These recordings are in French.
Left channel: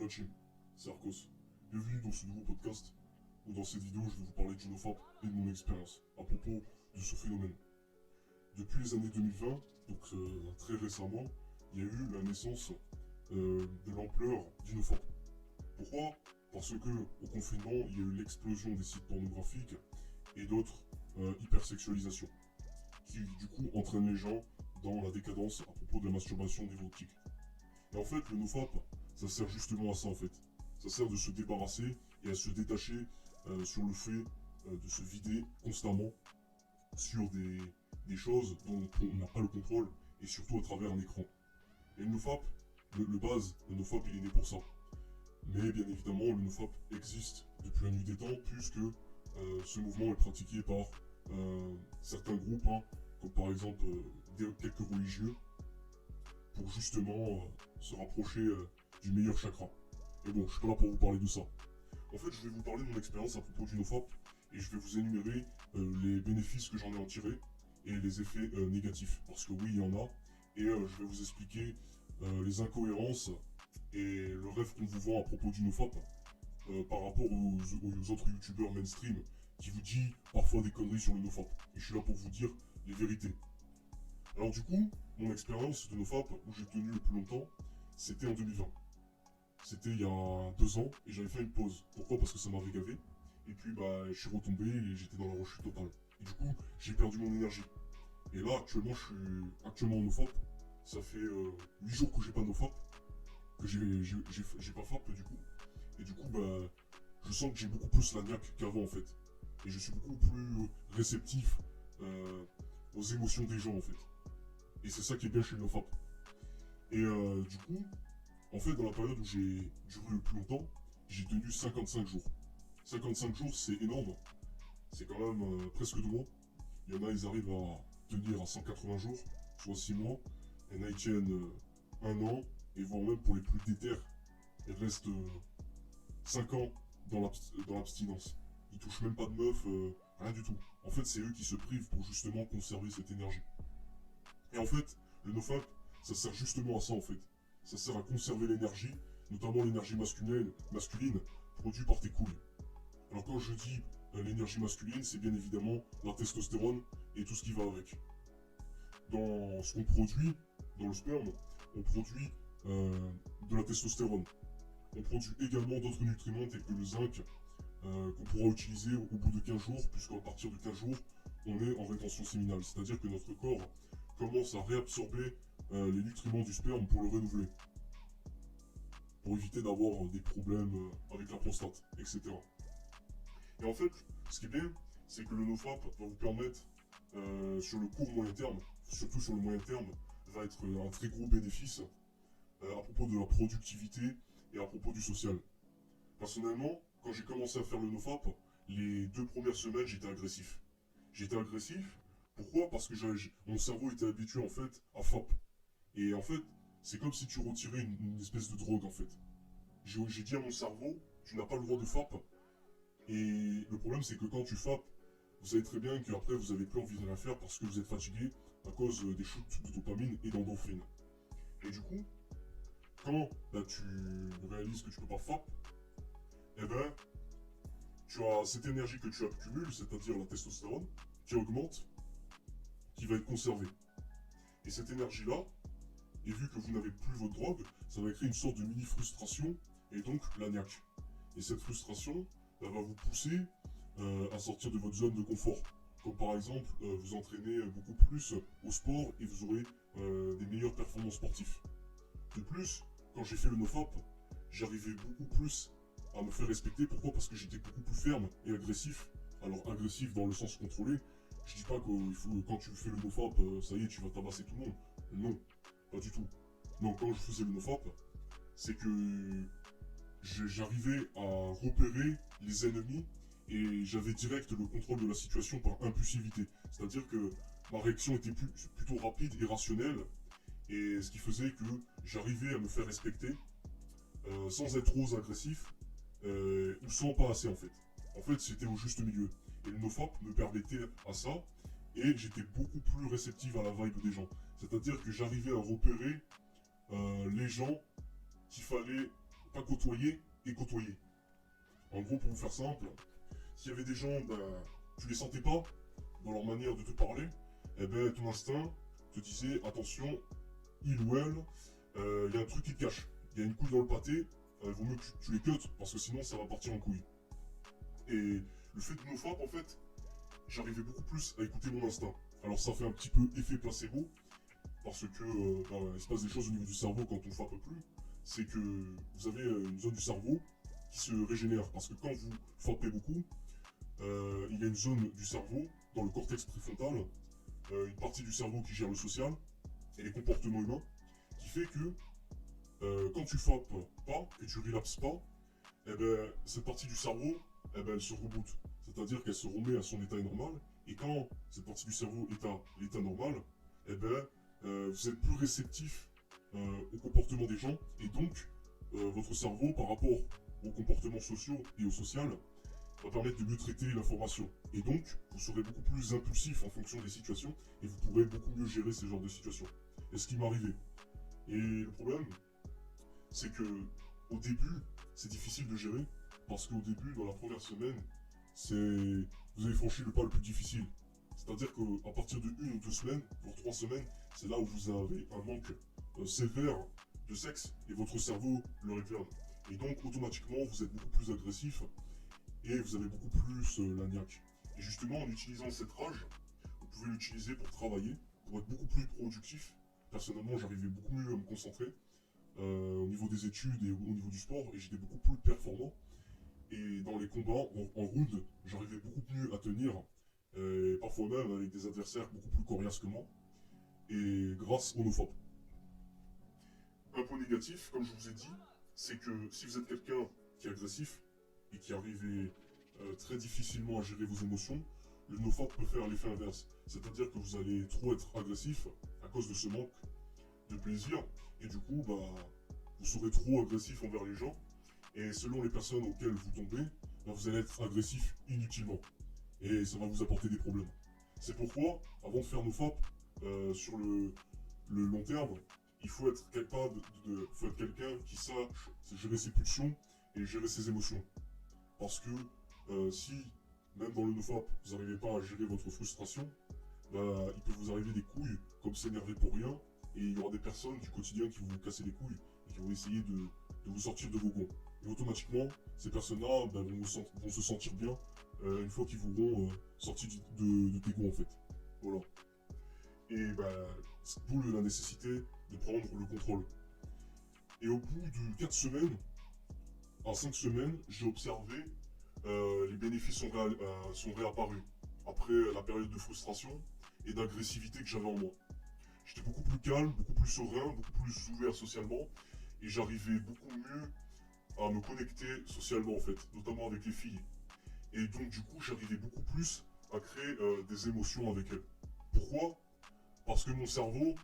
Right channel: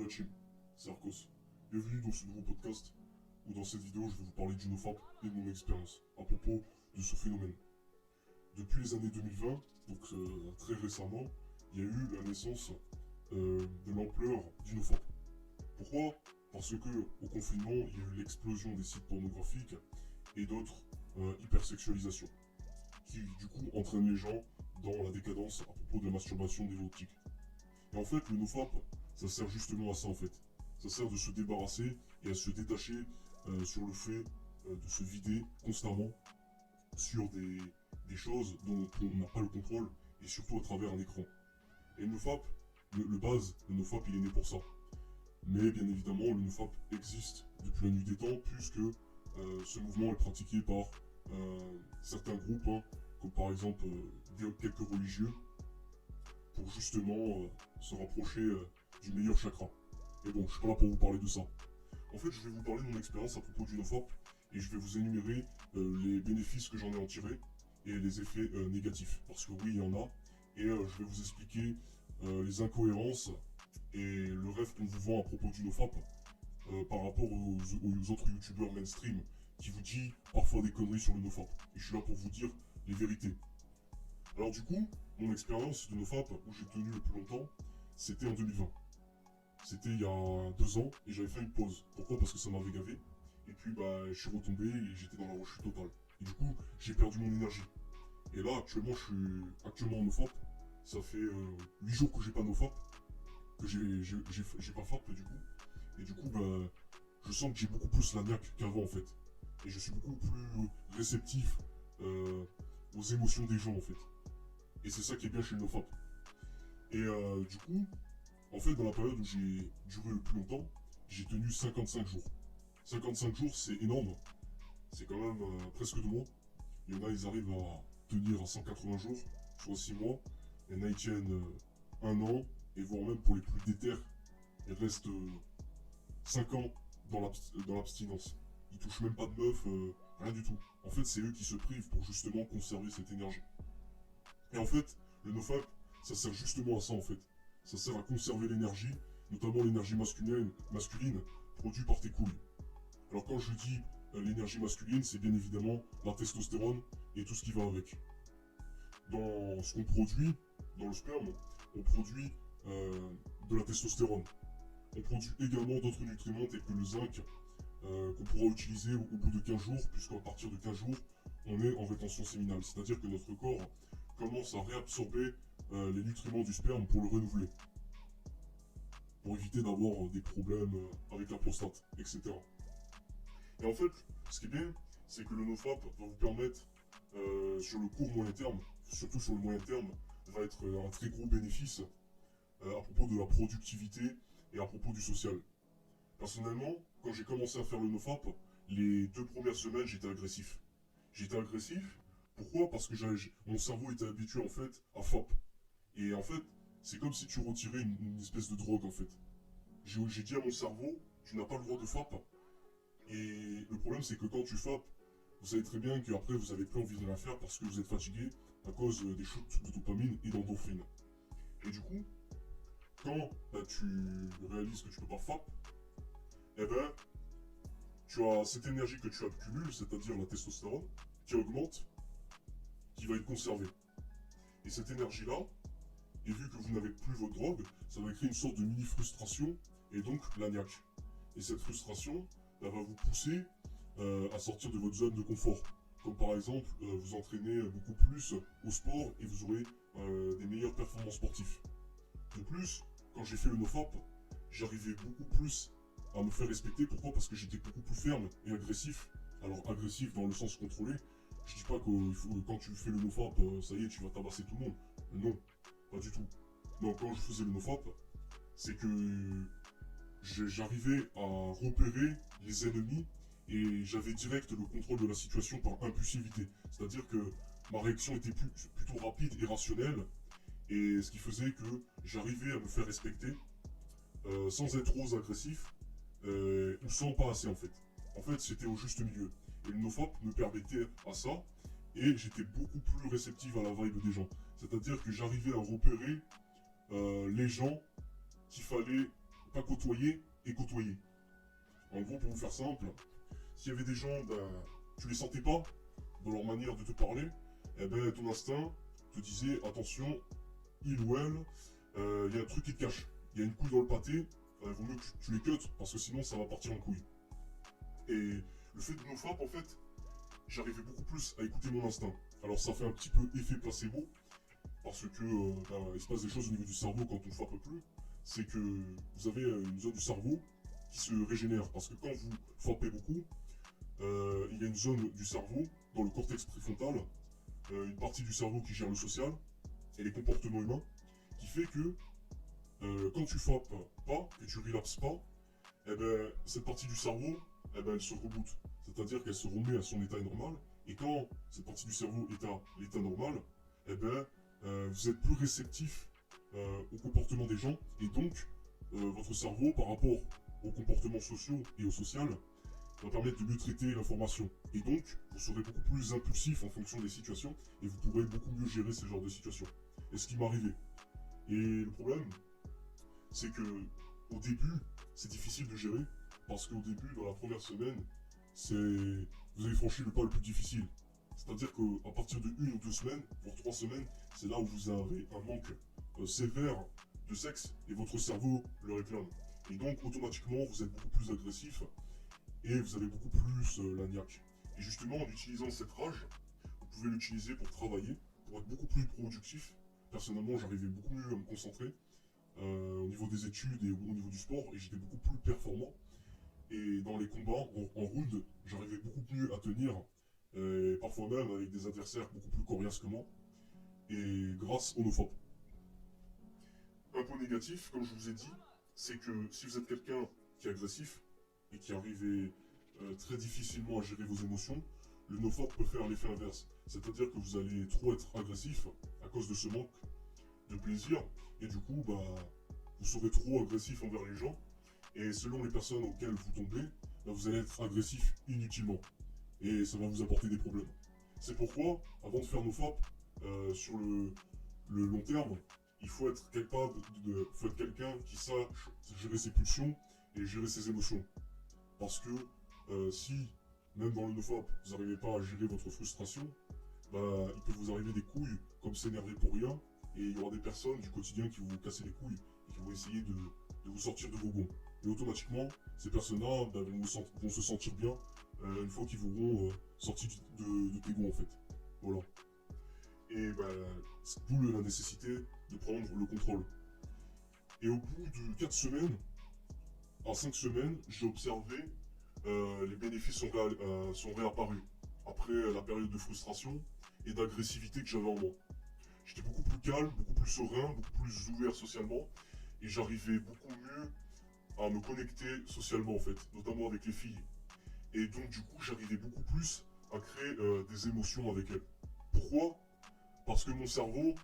la team, c'est Arcos. Bienvenue dans ce nouveau podcast où dans cette vidéo je vais vous parler du NoFap et de mon expérience à propos de ce phénomène. Depuis les années 2020, donc très récemment, il y a eu la naissance de l'ampleur du NoFap. Pourquoi? Parce que au confinement, il y a eu l'explosion des sites pornographiques et d'autres hypersexualisations qui du coup entraînent les gens dans la décadence à propos de la masturbation dévotique. Et en fait, le NoFap, ça sert justement à ça en fait. Ça sert de se débarrasser et à se détacher sur le fait de se vider constamment sur des choses dont on n'a pas le contrôle et surtout à travers un écran. Et le NoFap, le NoFap il est né pour ça. Mais bien évidemment, le NoFap existe depuis la nuit des temps puisque ce mouvement est pratiqué par certains groupes, hein, comme par exemple quelques religieux, pour justement se rapprocher du meilleur chakra. Mais bon, je suis pas là pour vous parler de ça. En fait, je vais vous parler de mon expérience à propos du NoFap et je vais vous énumérer les bénéfices que j'en ai en tiré et les effets négatifs. Parce que oui, il y en a. Et je vais vous expliquer les incohérences et le rêve qu'on vous vend à propos du NoFap par rapport aux autres youtubeurs mainstream qui vous dit parfois des conneries sur le NoFap. Et je suis là pour vous dire les vérités. Alors du coup, mon expérience de NoFap où j'ai tenu le plus longtemps, c'était en 2020. C'était il y a 2 ans et j'avais fait une pause. Pourquoi? Parce que ça m'avait gavé. Et puis je suis retombé et j'étais dans la rechute totale. Et du coup, j'ai perdu mon énergie. Et là, actuellement, je suis actuellement en NoFap. Ça fait 8 jours que j'ai pas NoFap. Que j'ai pas FAP du coup. Et du coup, je sens que j'ai beaucoup plus la niaque qu'avant en fait. Et je suis beaucoup plus réceptif aux émotions des gens en fait. Et c'est ça qui est bien chez le NoFap. Et du coup, en fait, dans la période où j'ai duré le plus longtemps, j'ai tenu 55 jours. 55 jours, c'est énorme. C'est quand même presque 2 mois. Il y en a, ils arrivent à tenir à 180 jours, soit 6 mois. Il y en a, ils tiennent 1 an. Et voire même pour les plus déter, ils restent 5 ans dans l'abstinence. Ils touchent même pas de meuf, rien du tout. En fait, c'est eux qui se privent pour justement conserver cette énergie. Et en fait, le NoFap, ça sert justement à ça en fait. Ça sert à conserver l'énergie, notamment l'énergie masculine produite par tes couilles. Alors quand je dis l'énergie masculine, c'est bien évidemment la testostérone et tout ce qui va avec. Dans ce qu'on produit, dans le sperme, on produit de la testostérone. On produit également d'autres nutriments tels que le zinc qu'on pourra utiliser au bout de 15 jours, puisqu'à partir de 15 jours, on est en rétention séminale. C'est-à-dire que notre corps commence à réabsorber les nutriments du sperme pour le renouveler. Pour éviter d'avoir des problèmes avec la prostate, etc. Et en fait, ce qui est bien, c'est que le NoFap va vous permettre, sur le court moyen terme, surtout sur le moyen terme, va être un très gros bénéfice à propos de la productivité et à propos du social. Personnellement, quand j'ai commencé à faire le NoFap, les 2 premières semaines, j'étais agressif. J'étais agressif, pourquoi? Parce que mon cerveau était habitué en fait à FAP. Et en fait, c'est comme si tu retirais une espèce de drogue en fait. J'ai dit à mon cerveau, tu n'as pas le droit de FAP. Et le problème, c'est que quand tu FAP, vous savez très bien qu'après, vous n'avez plus envie de rien faire parce que vous êtes fatigué à cause des shoots de dopamine et d'endorphine. Et du coup, quand tu réalises que tu peux pas FAP, eh ben, tu as cette énergie que tu accumules, c'est-à-dire la testostérone, qui augmente, qui va être conservée. Et cette énergie-là, et vu que vous n'avez plus votre drogue, ça va créer une sorte de mini-frustration, et donc la niaque. Et cette frustration, elle va vous pousser à sortir de votre zone de confort. Comme par exemple, vous entraîner beaucoup plus au sport et vous aurez des meilleures performances sportives. De plus, quand j'ai fait le NoFap, j'arrivais beaucoup plus à me faire respecter. Pourquoi? Parce que j'étais beaucoup plus ferme et agressif. Alors agressif dans le sens contrôlé. Je dis pas que quand tu fais le NoFap, ça y est, tu vas tabasser tout le monde. Non, pas du tout. Non, quand je faisais le NoFap, c'est que j'arrivais à repérer les ennemis et j'avais direct le contrôle de la situation par impulsivité. C'est-à-dire que ma réaction était plutôt rapide et rationnelle et ce qui faisait que j'arrivais à me faire respecter sans être trop agressif ou sans pas assez en fait. En fait, c'était au juste milieu. Et le NoFap me permettait à ça et j'étais beaucoup plus réceptif à la vibe des gens. C'est-à-dire que j'arrivais à repérer les gens qu'il fallait pas côtoyer et côtoyer. En gros, pour vous faire simple, s'il y avait des gens, tu les sentais pas dans leur manière de te parler, eh ben ton instinct te disait attention, il ou elle, il y a un truc qui te cache. Il y a une couille dans le pâté, il vaut mieux que tu les cutes parce que sinon ça va partir en couille. Et le fait de nos frappes, en fait, j'arrivais beaucoup plus à écouter mon instinct. Alors ça fait un petit peu effet placebo, parce que il se passe des choses au niveau du cerveau quand on frappe plus. C'est que vous avez une zone du cerveau qui se régénère. Parce que quand vous frappez beaucoup, il y a une zone du cerveau, dans le cortex préfrontal, une partie du cerveau qui gère le social et les comportements humains, qui fait que quand tu frappes pas, que tu relapses pas, eh ben, cette partie du cerveau, eh ben, elle se reboot. C'est-à-dire qu'elle se remet à son état normal. Et quand cette partie du cerveau est à l'état normal, eh ben, vous êtes plus réceptif au comportement des gens. Et donc, votre cerveau, par rapport aux comportements sociaux et au social, va permettre de mieux traiter l'information. Et donc, vous serez beaucoup plus impulsif en fonction des situations et vous pourrez beaucoup mieux gérer ce genre de situation. Et ce qui m'est arrivé. Et le problème, c'est que au début, c'est difficile de gérer parce qu'au début, dans la première semaine, vous avez franchi le pas le plus difficile. C'est-à-dire qu'à partir de 1 ou 2 semaines, voire 3 semaines, c'est là où vous avez un manque sévère de sexe et votre cerveau le réclame. Et donc, automatiquement, vous êtes beaucoup plus agressif et vous avez beaucoup plus la niaque. Et justement, en utilisant cette rage, vous pouvez l'utiliser pour travailler, pour être beaucoup plus productif. Personnellement, j'arrivais beaucoup mieux à me concentrer au niveau des études et au niveau du sport, et j'étais beaucoup plus performant. Et dans les combats en round, j'arrivais beaucoup mieux à tenir, parfois même avec des adversaires beaucoup plus coriaces que moi, et grâce au nofap. Un point négatif, comme je vous ai dit, c'est que si vous êtes quelqu'un qui est agressif et qui arrive très difficilement à gérer vos émotions, le nofap peut faire l'effet inverse. C'est-à-dire que vous allez trop être agressif à cause de ce manque de plaisir, et du coup, vous serez trop agressif envers les gens, et selon les personnes auxquelles vous tombez, vous allez être agressif inutilement, et ça va vous apporter des problèmes. C'est pourquoi, avant de faire nos FAP, sur le long terme, il faut être capable faut être quelqu'un qui sache gérer ses pulsions et gérer ses émotions. Parce que si, même dans le NoFap, vous n'arrivez pas à gérer votre frustration, il peut vous arriver des couilles comme s'énerver pour rien, et il y aura des personnes du quotidien qui vont vous casser les couilles et qui vont essayer de vous sortir de vos gonds. Et automatiquement, ces personnes-là vont se sentir bien une fois qu'ils vous auront sorti de tes gonds en fait. Voilà. Et d'où la nécessité de prendre le contrôle. Et au bout de 4 semaines, en 5 semaines, j'ai observé les bénéfices sont réapparus après la période de frustration et d'agressivité que j'avais en moi. J'étais beaucoup plus calme, beaucoup plus serein, beaucoup plus ouvert socialement, et j'arrivais beaucoup mieux à me connecter socialement en fait, notamment avec les filles. Et donc du coup, j'arrivais beaucoup plus à créer des émotions avec elles. Pourquoi? Parce que mon cerveau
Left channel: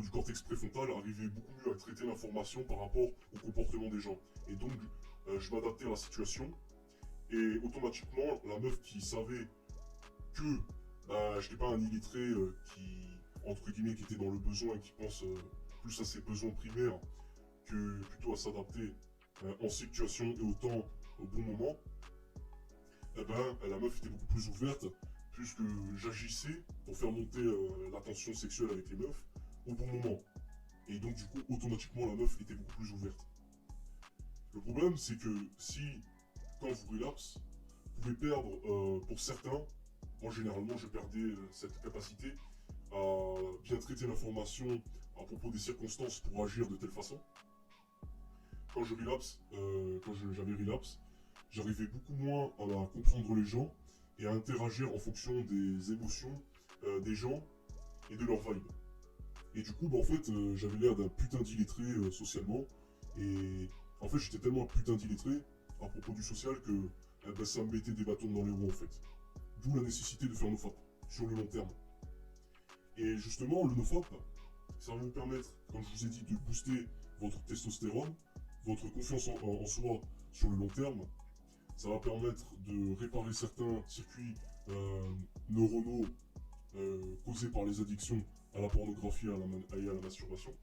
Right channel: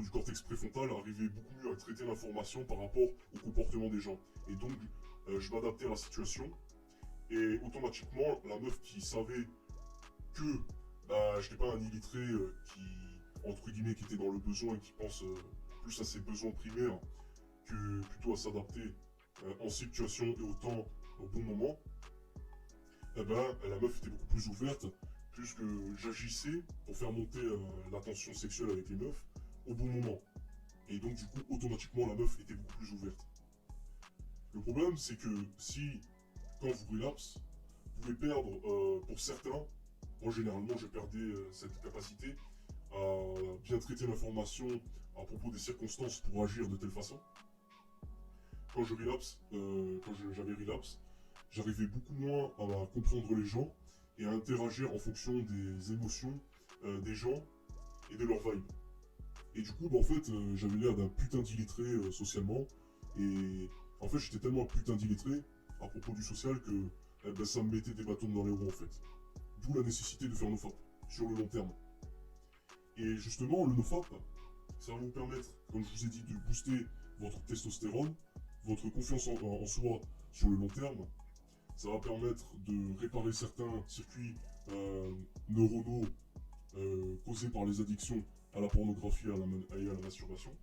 du cortex préfrontal arrivait beaucoup mieux à traiter l'information par rapport au comportement des gens. Et donc, je m'adaptais à la situation. Et automatiquement, la meuf qui savait que je n'étais pas un illettré entre guillemets, qui était dans le besoin et qui pense plus à ses besoins primaires que plutôt à s'adapter en situation et au temps au bon moment, la meuf était beaucoup plus ouverte puisque j'agissais pour faire monter la tension sexuelle avec les meufs au bon moment. Et donc du coup, automatiquement, la meuf était beaucoup plus ouverte. Le problème, c'est que si, quand vous relapse, vous pouvez perdre, pour certains, moi généralement je perdais cette capacité à bien traiter l'information à propos des circonstances pour agir de telle façon. Quand j'avais relapse, j'arrivais beaucoup moins à comprendre les gens et à interagir en fonction des émotions des gens et de leur vibe. Et du coup, en fait, j'avais l'air d'un putain d'illettré socialement. Et en fait, j'étais tellement un putain d'illettré à propos du social que ça me mettait des bâtons dans les roues en fait. D'où la nécessité de faire NoFap sur le long terme. Et justement, le NoFap, ça va vous permettre, comme je vous ai dit, de booster votre testostérone, votre confiance en soi sur le long terme. Ça va permettre de réparer certains circuits neuronaux causés par les addictions à la pornographie et à la masturbation.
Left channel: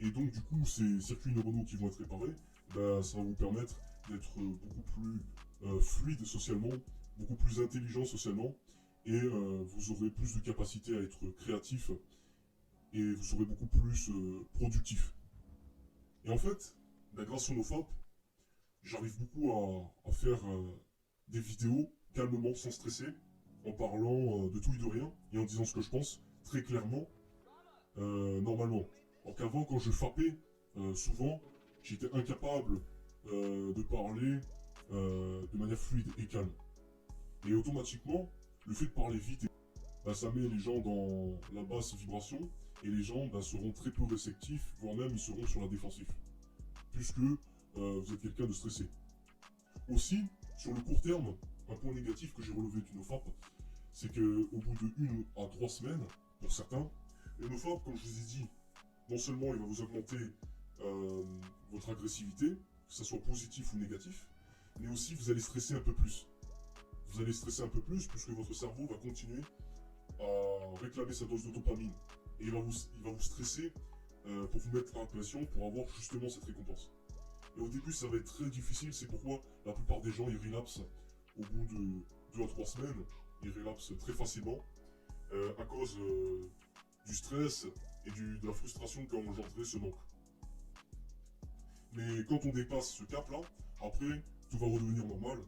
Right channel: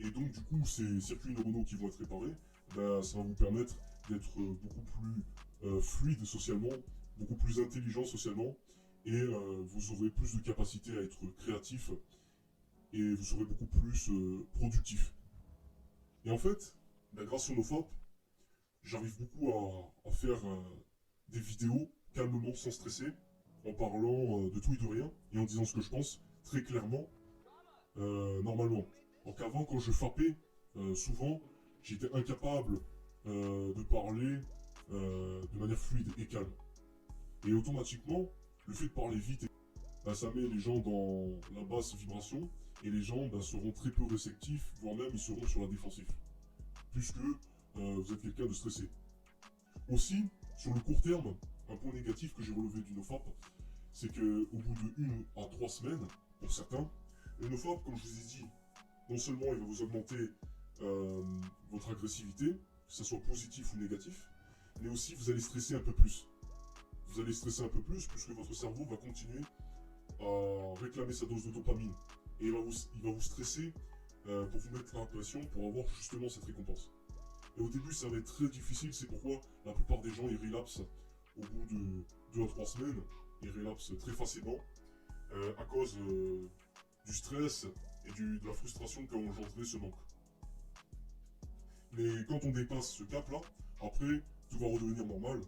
Et donc, du coup, ces circuits neuronaux qui vont être réparés, ben, ça va vous permettre d'être beaucoup plus fluide socialement, beaucoup plus intelligent socialement, et vous aurez plus de capacité à être créatif, et vous serez beaucoup plus productif. Et en fait, ben, grâce au NoFap, j'arrive beaucoup à faire des vidéos calmement, sans stresser, en parlant de tout et de rien, et en disant ce que je pense, très clairement, normalement. Alors qu'avant, quand je fappais, souvent, j'étais incapable de parler de manière fluide et calme. Et automatiquement, le fait de parler vite, bah, ça met les gens dans la basse vibration, et les gens bah, seront très peu réceptifs, voire même ils seront sur la défensive, puisque vous êtes quelqu'un de stressé. Aussi, sur le court terme, un point négatif que j'ai relevé du NoFap, c'est qu'au bout de 1 à 3 semaines, pour certains, le NoFap, comme je vous ai dit, non seulement il va vous augmenter votre agressivité, que ce soit positif ou négatif, mais aussi vous allez stresser un peu plus. Vous allez stresser un peu plus puisque votre cerveau va continuer à réclamer sa dose de dopamine. Et il va vous stresser pour vous mettre en pression pour avoir justement cette récompense. Et au début, ça va être très difficile, c'est pourquoi la plupart des gens ils relapsent au bout de 2 à 3 semaines. Ils relapsent très facilement à cause du stress et de la frustration qu'a engendré ce manque. Mais quand on dépasse ce cap-là, après, tout va redevenir normal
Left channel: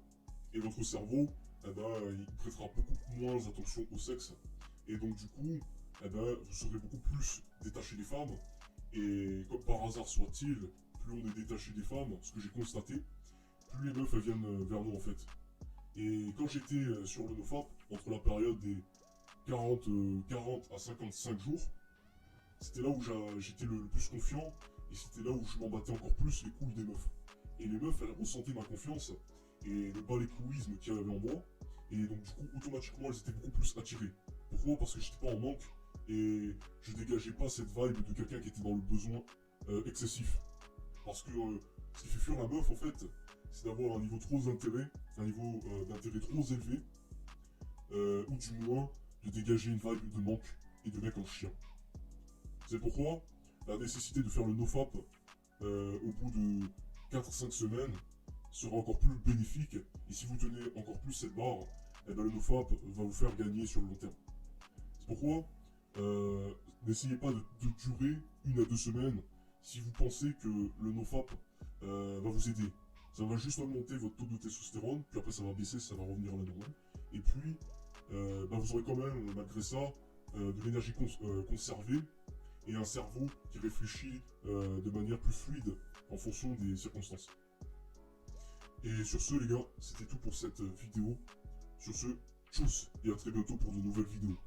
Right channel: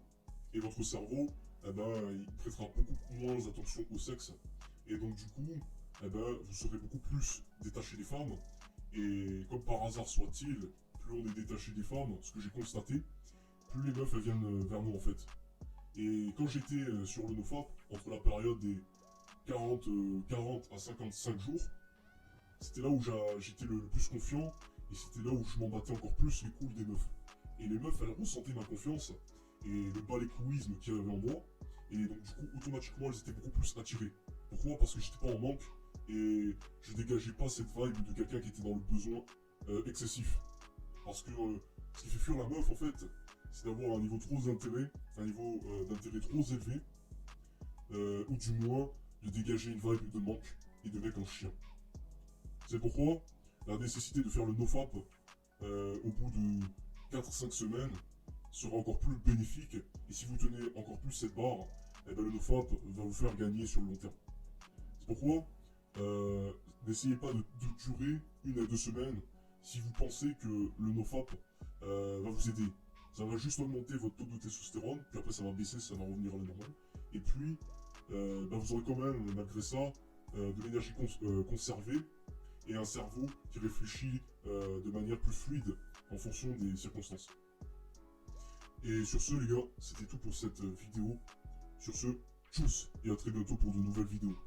et votre cerveau, eh ben, il prêtera beaucoup moins attention au sexe. Et donc, du coup, eh ben, vous serez beaucoup plus détaché des femmes. Et comme par hasard soit-il, plus on est détaché des femmes, ce que j'ai constaté, plus les meufs elles viennent vers nous en fait. Et quand j'étais sur le NoFap, entre la période des 40 à 55 jours, c'était là où j'étais le plus confiant et c'était là où je m'embattais encore plus les couilles des meufs. Et les meufs, elles ressentaient ma confiance et le balécouisme qu'il y avait en moi. Et donc, du coup, automatiquement, elles étaient beaucoup plus attirées. Pourquoi? Parce que j'étais pas en manque et je dégageais pas cette vibe de quelqu'un qui était dans le besoin excessif. Parce que ce qui fait fuir la meuf, en fait, c'est d'avoir un niveau trop d'intérêt, un niveau d'intérêt trop élevé, ou du moins de dégager une vibe de manque et de mec en chien. C'est pourquoi la nécessité de faire le nofap au bout de 4 à 5 semaines sera encore plus bénéfique. Et si vous tenez encore plus cette barre, eh ben, le nofap va vous faire gagner sur le long terme. C'est pourquoi n'essayez pas de durer 1 à 2 semaines si vous pensez que le nofap va vous aider. Ça va juste augmenter votre taux de testostérone, puis après ça va baisser, ça va revenir à la normale. Et puis, vous aurez quand même, malgré ça, de l'énergie conservée et un cerveau qui réfléchit de manière plus fluide en fonction des circonstances. Et sur ce, les gars, c'était tout pour cette vidéo. Sur ce, tchuss et à très bientôt pour de nouvelles vidéos.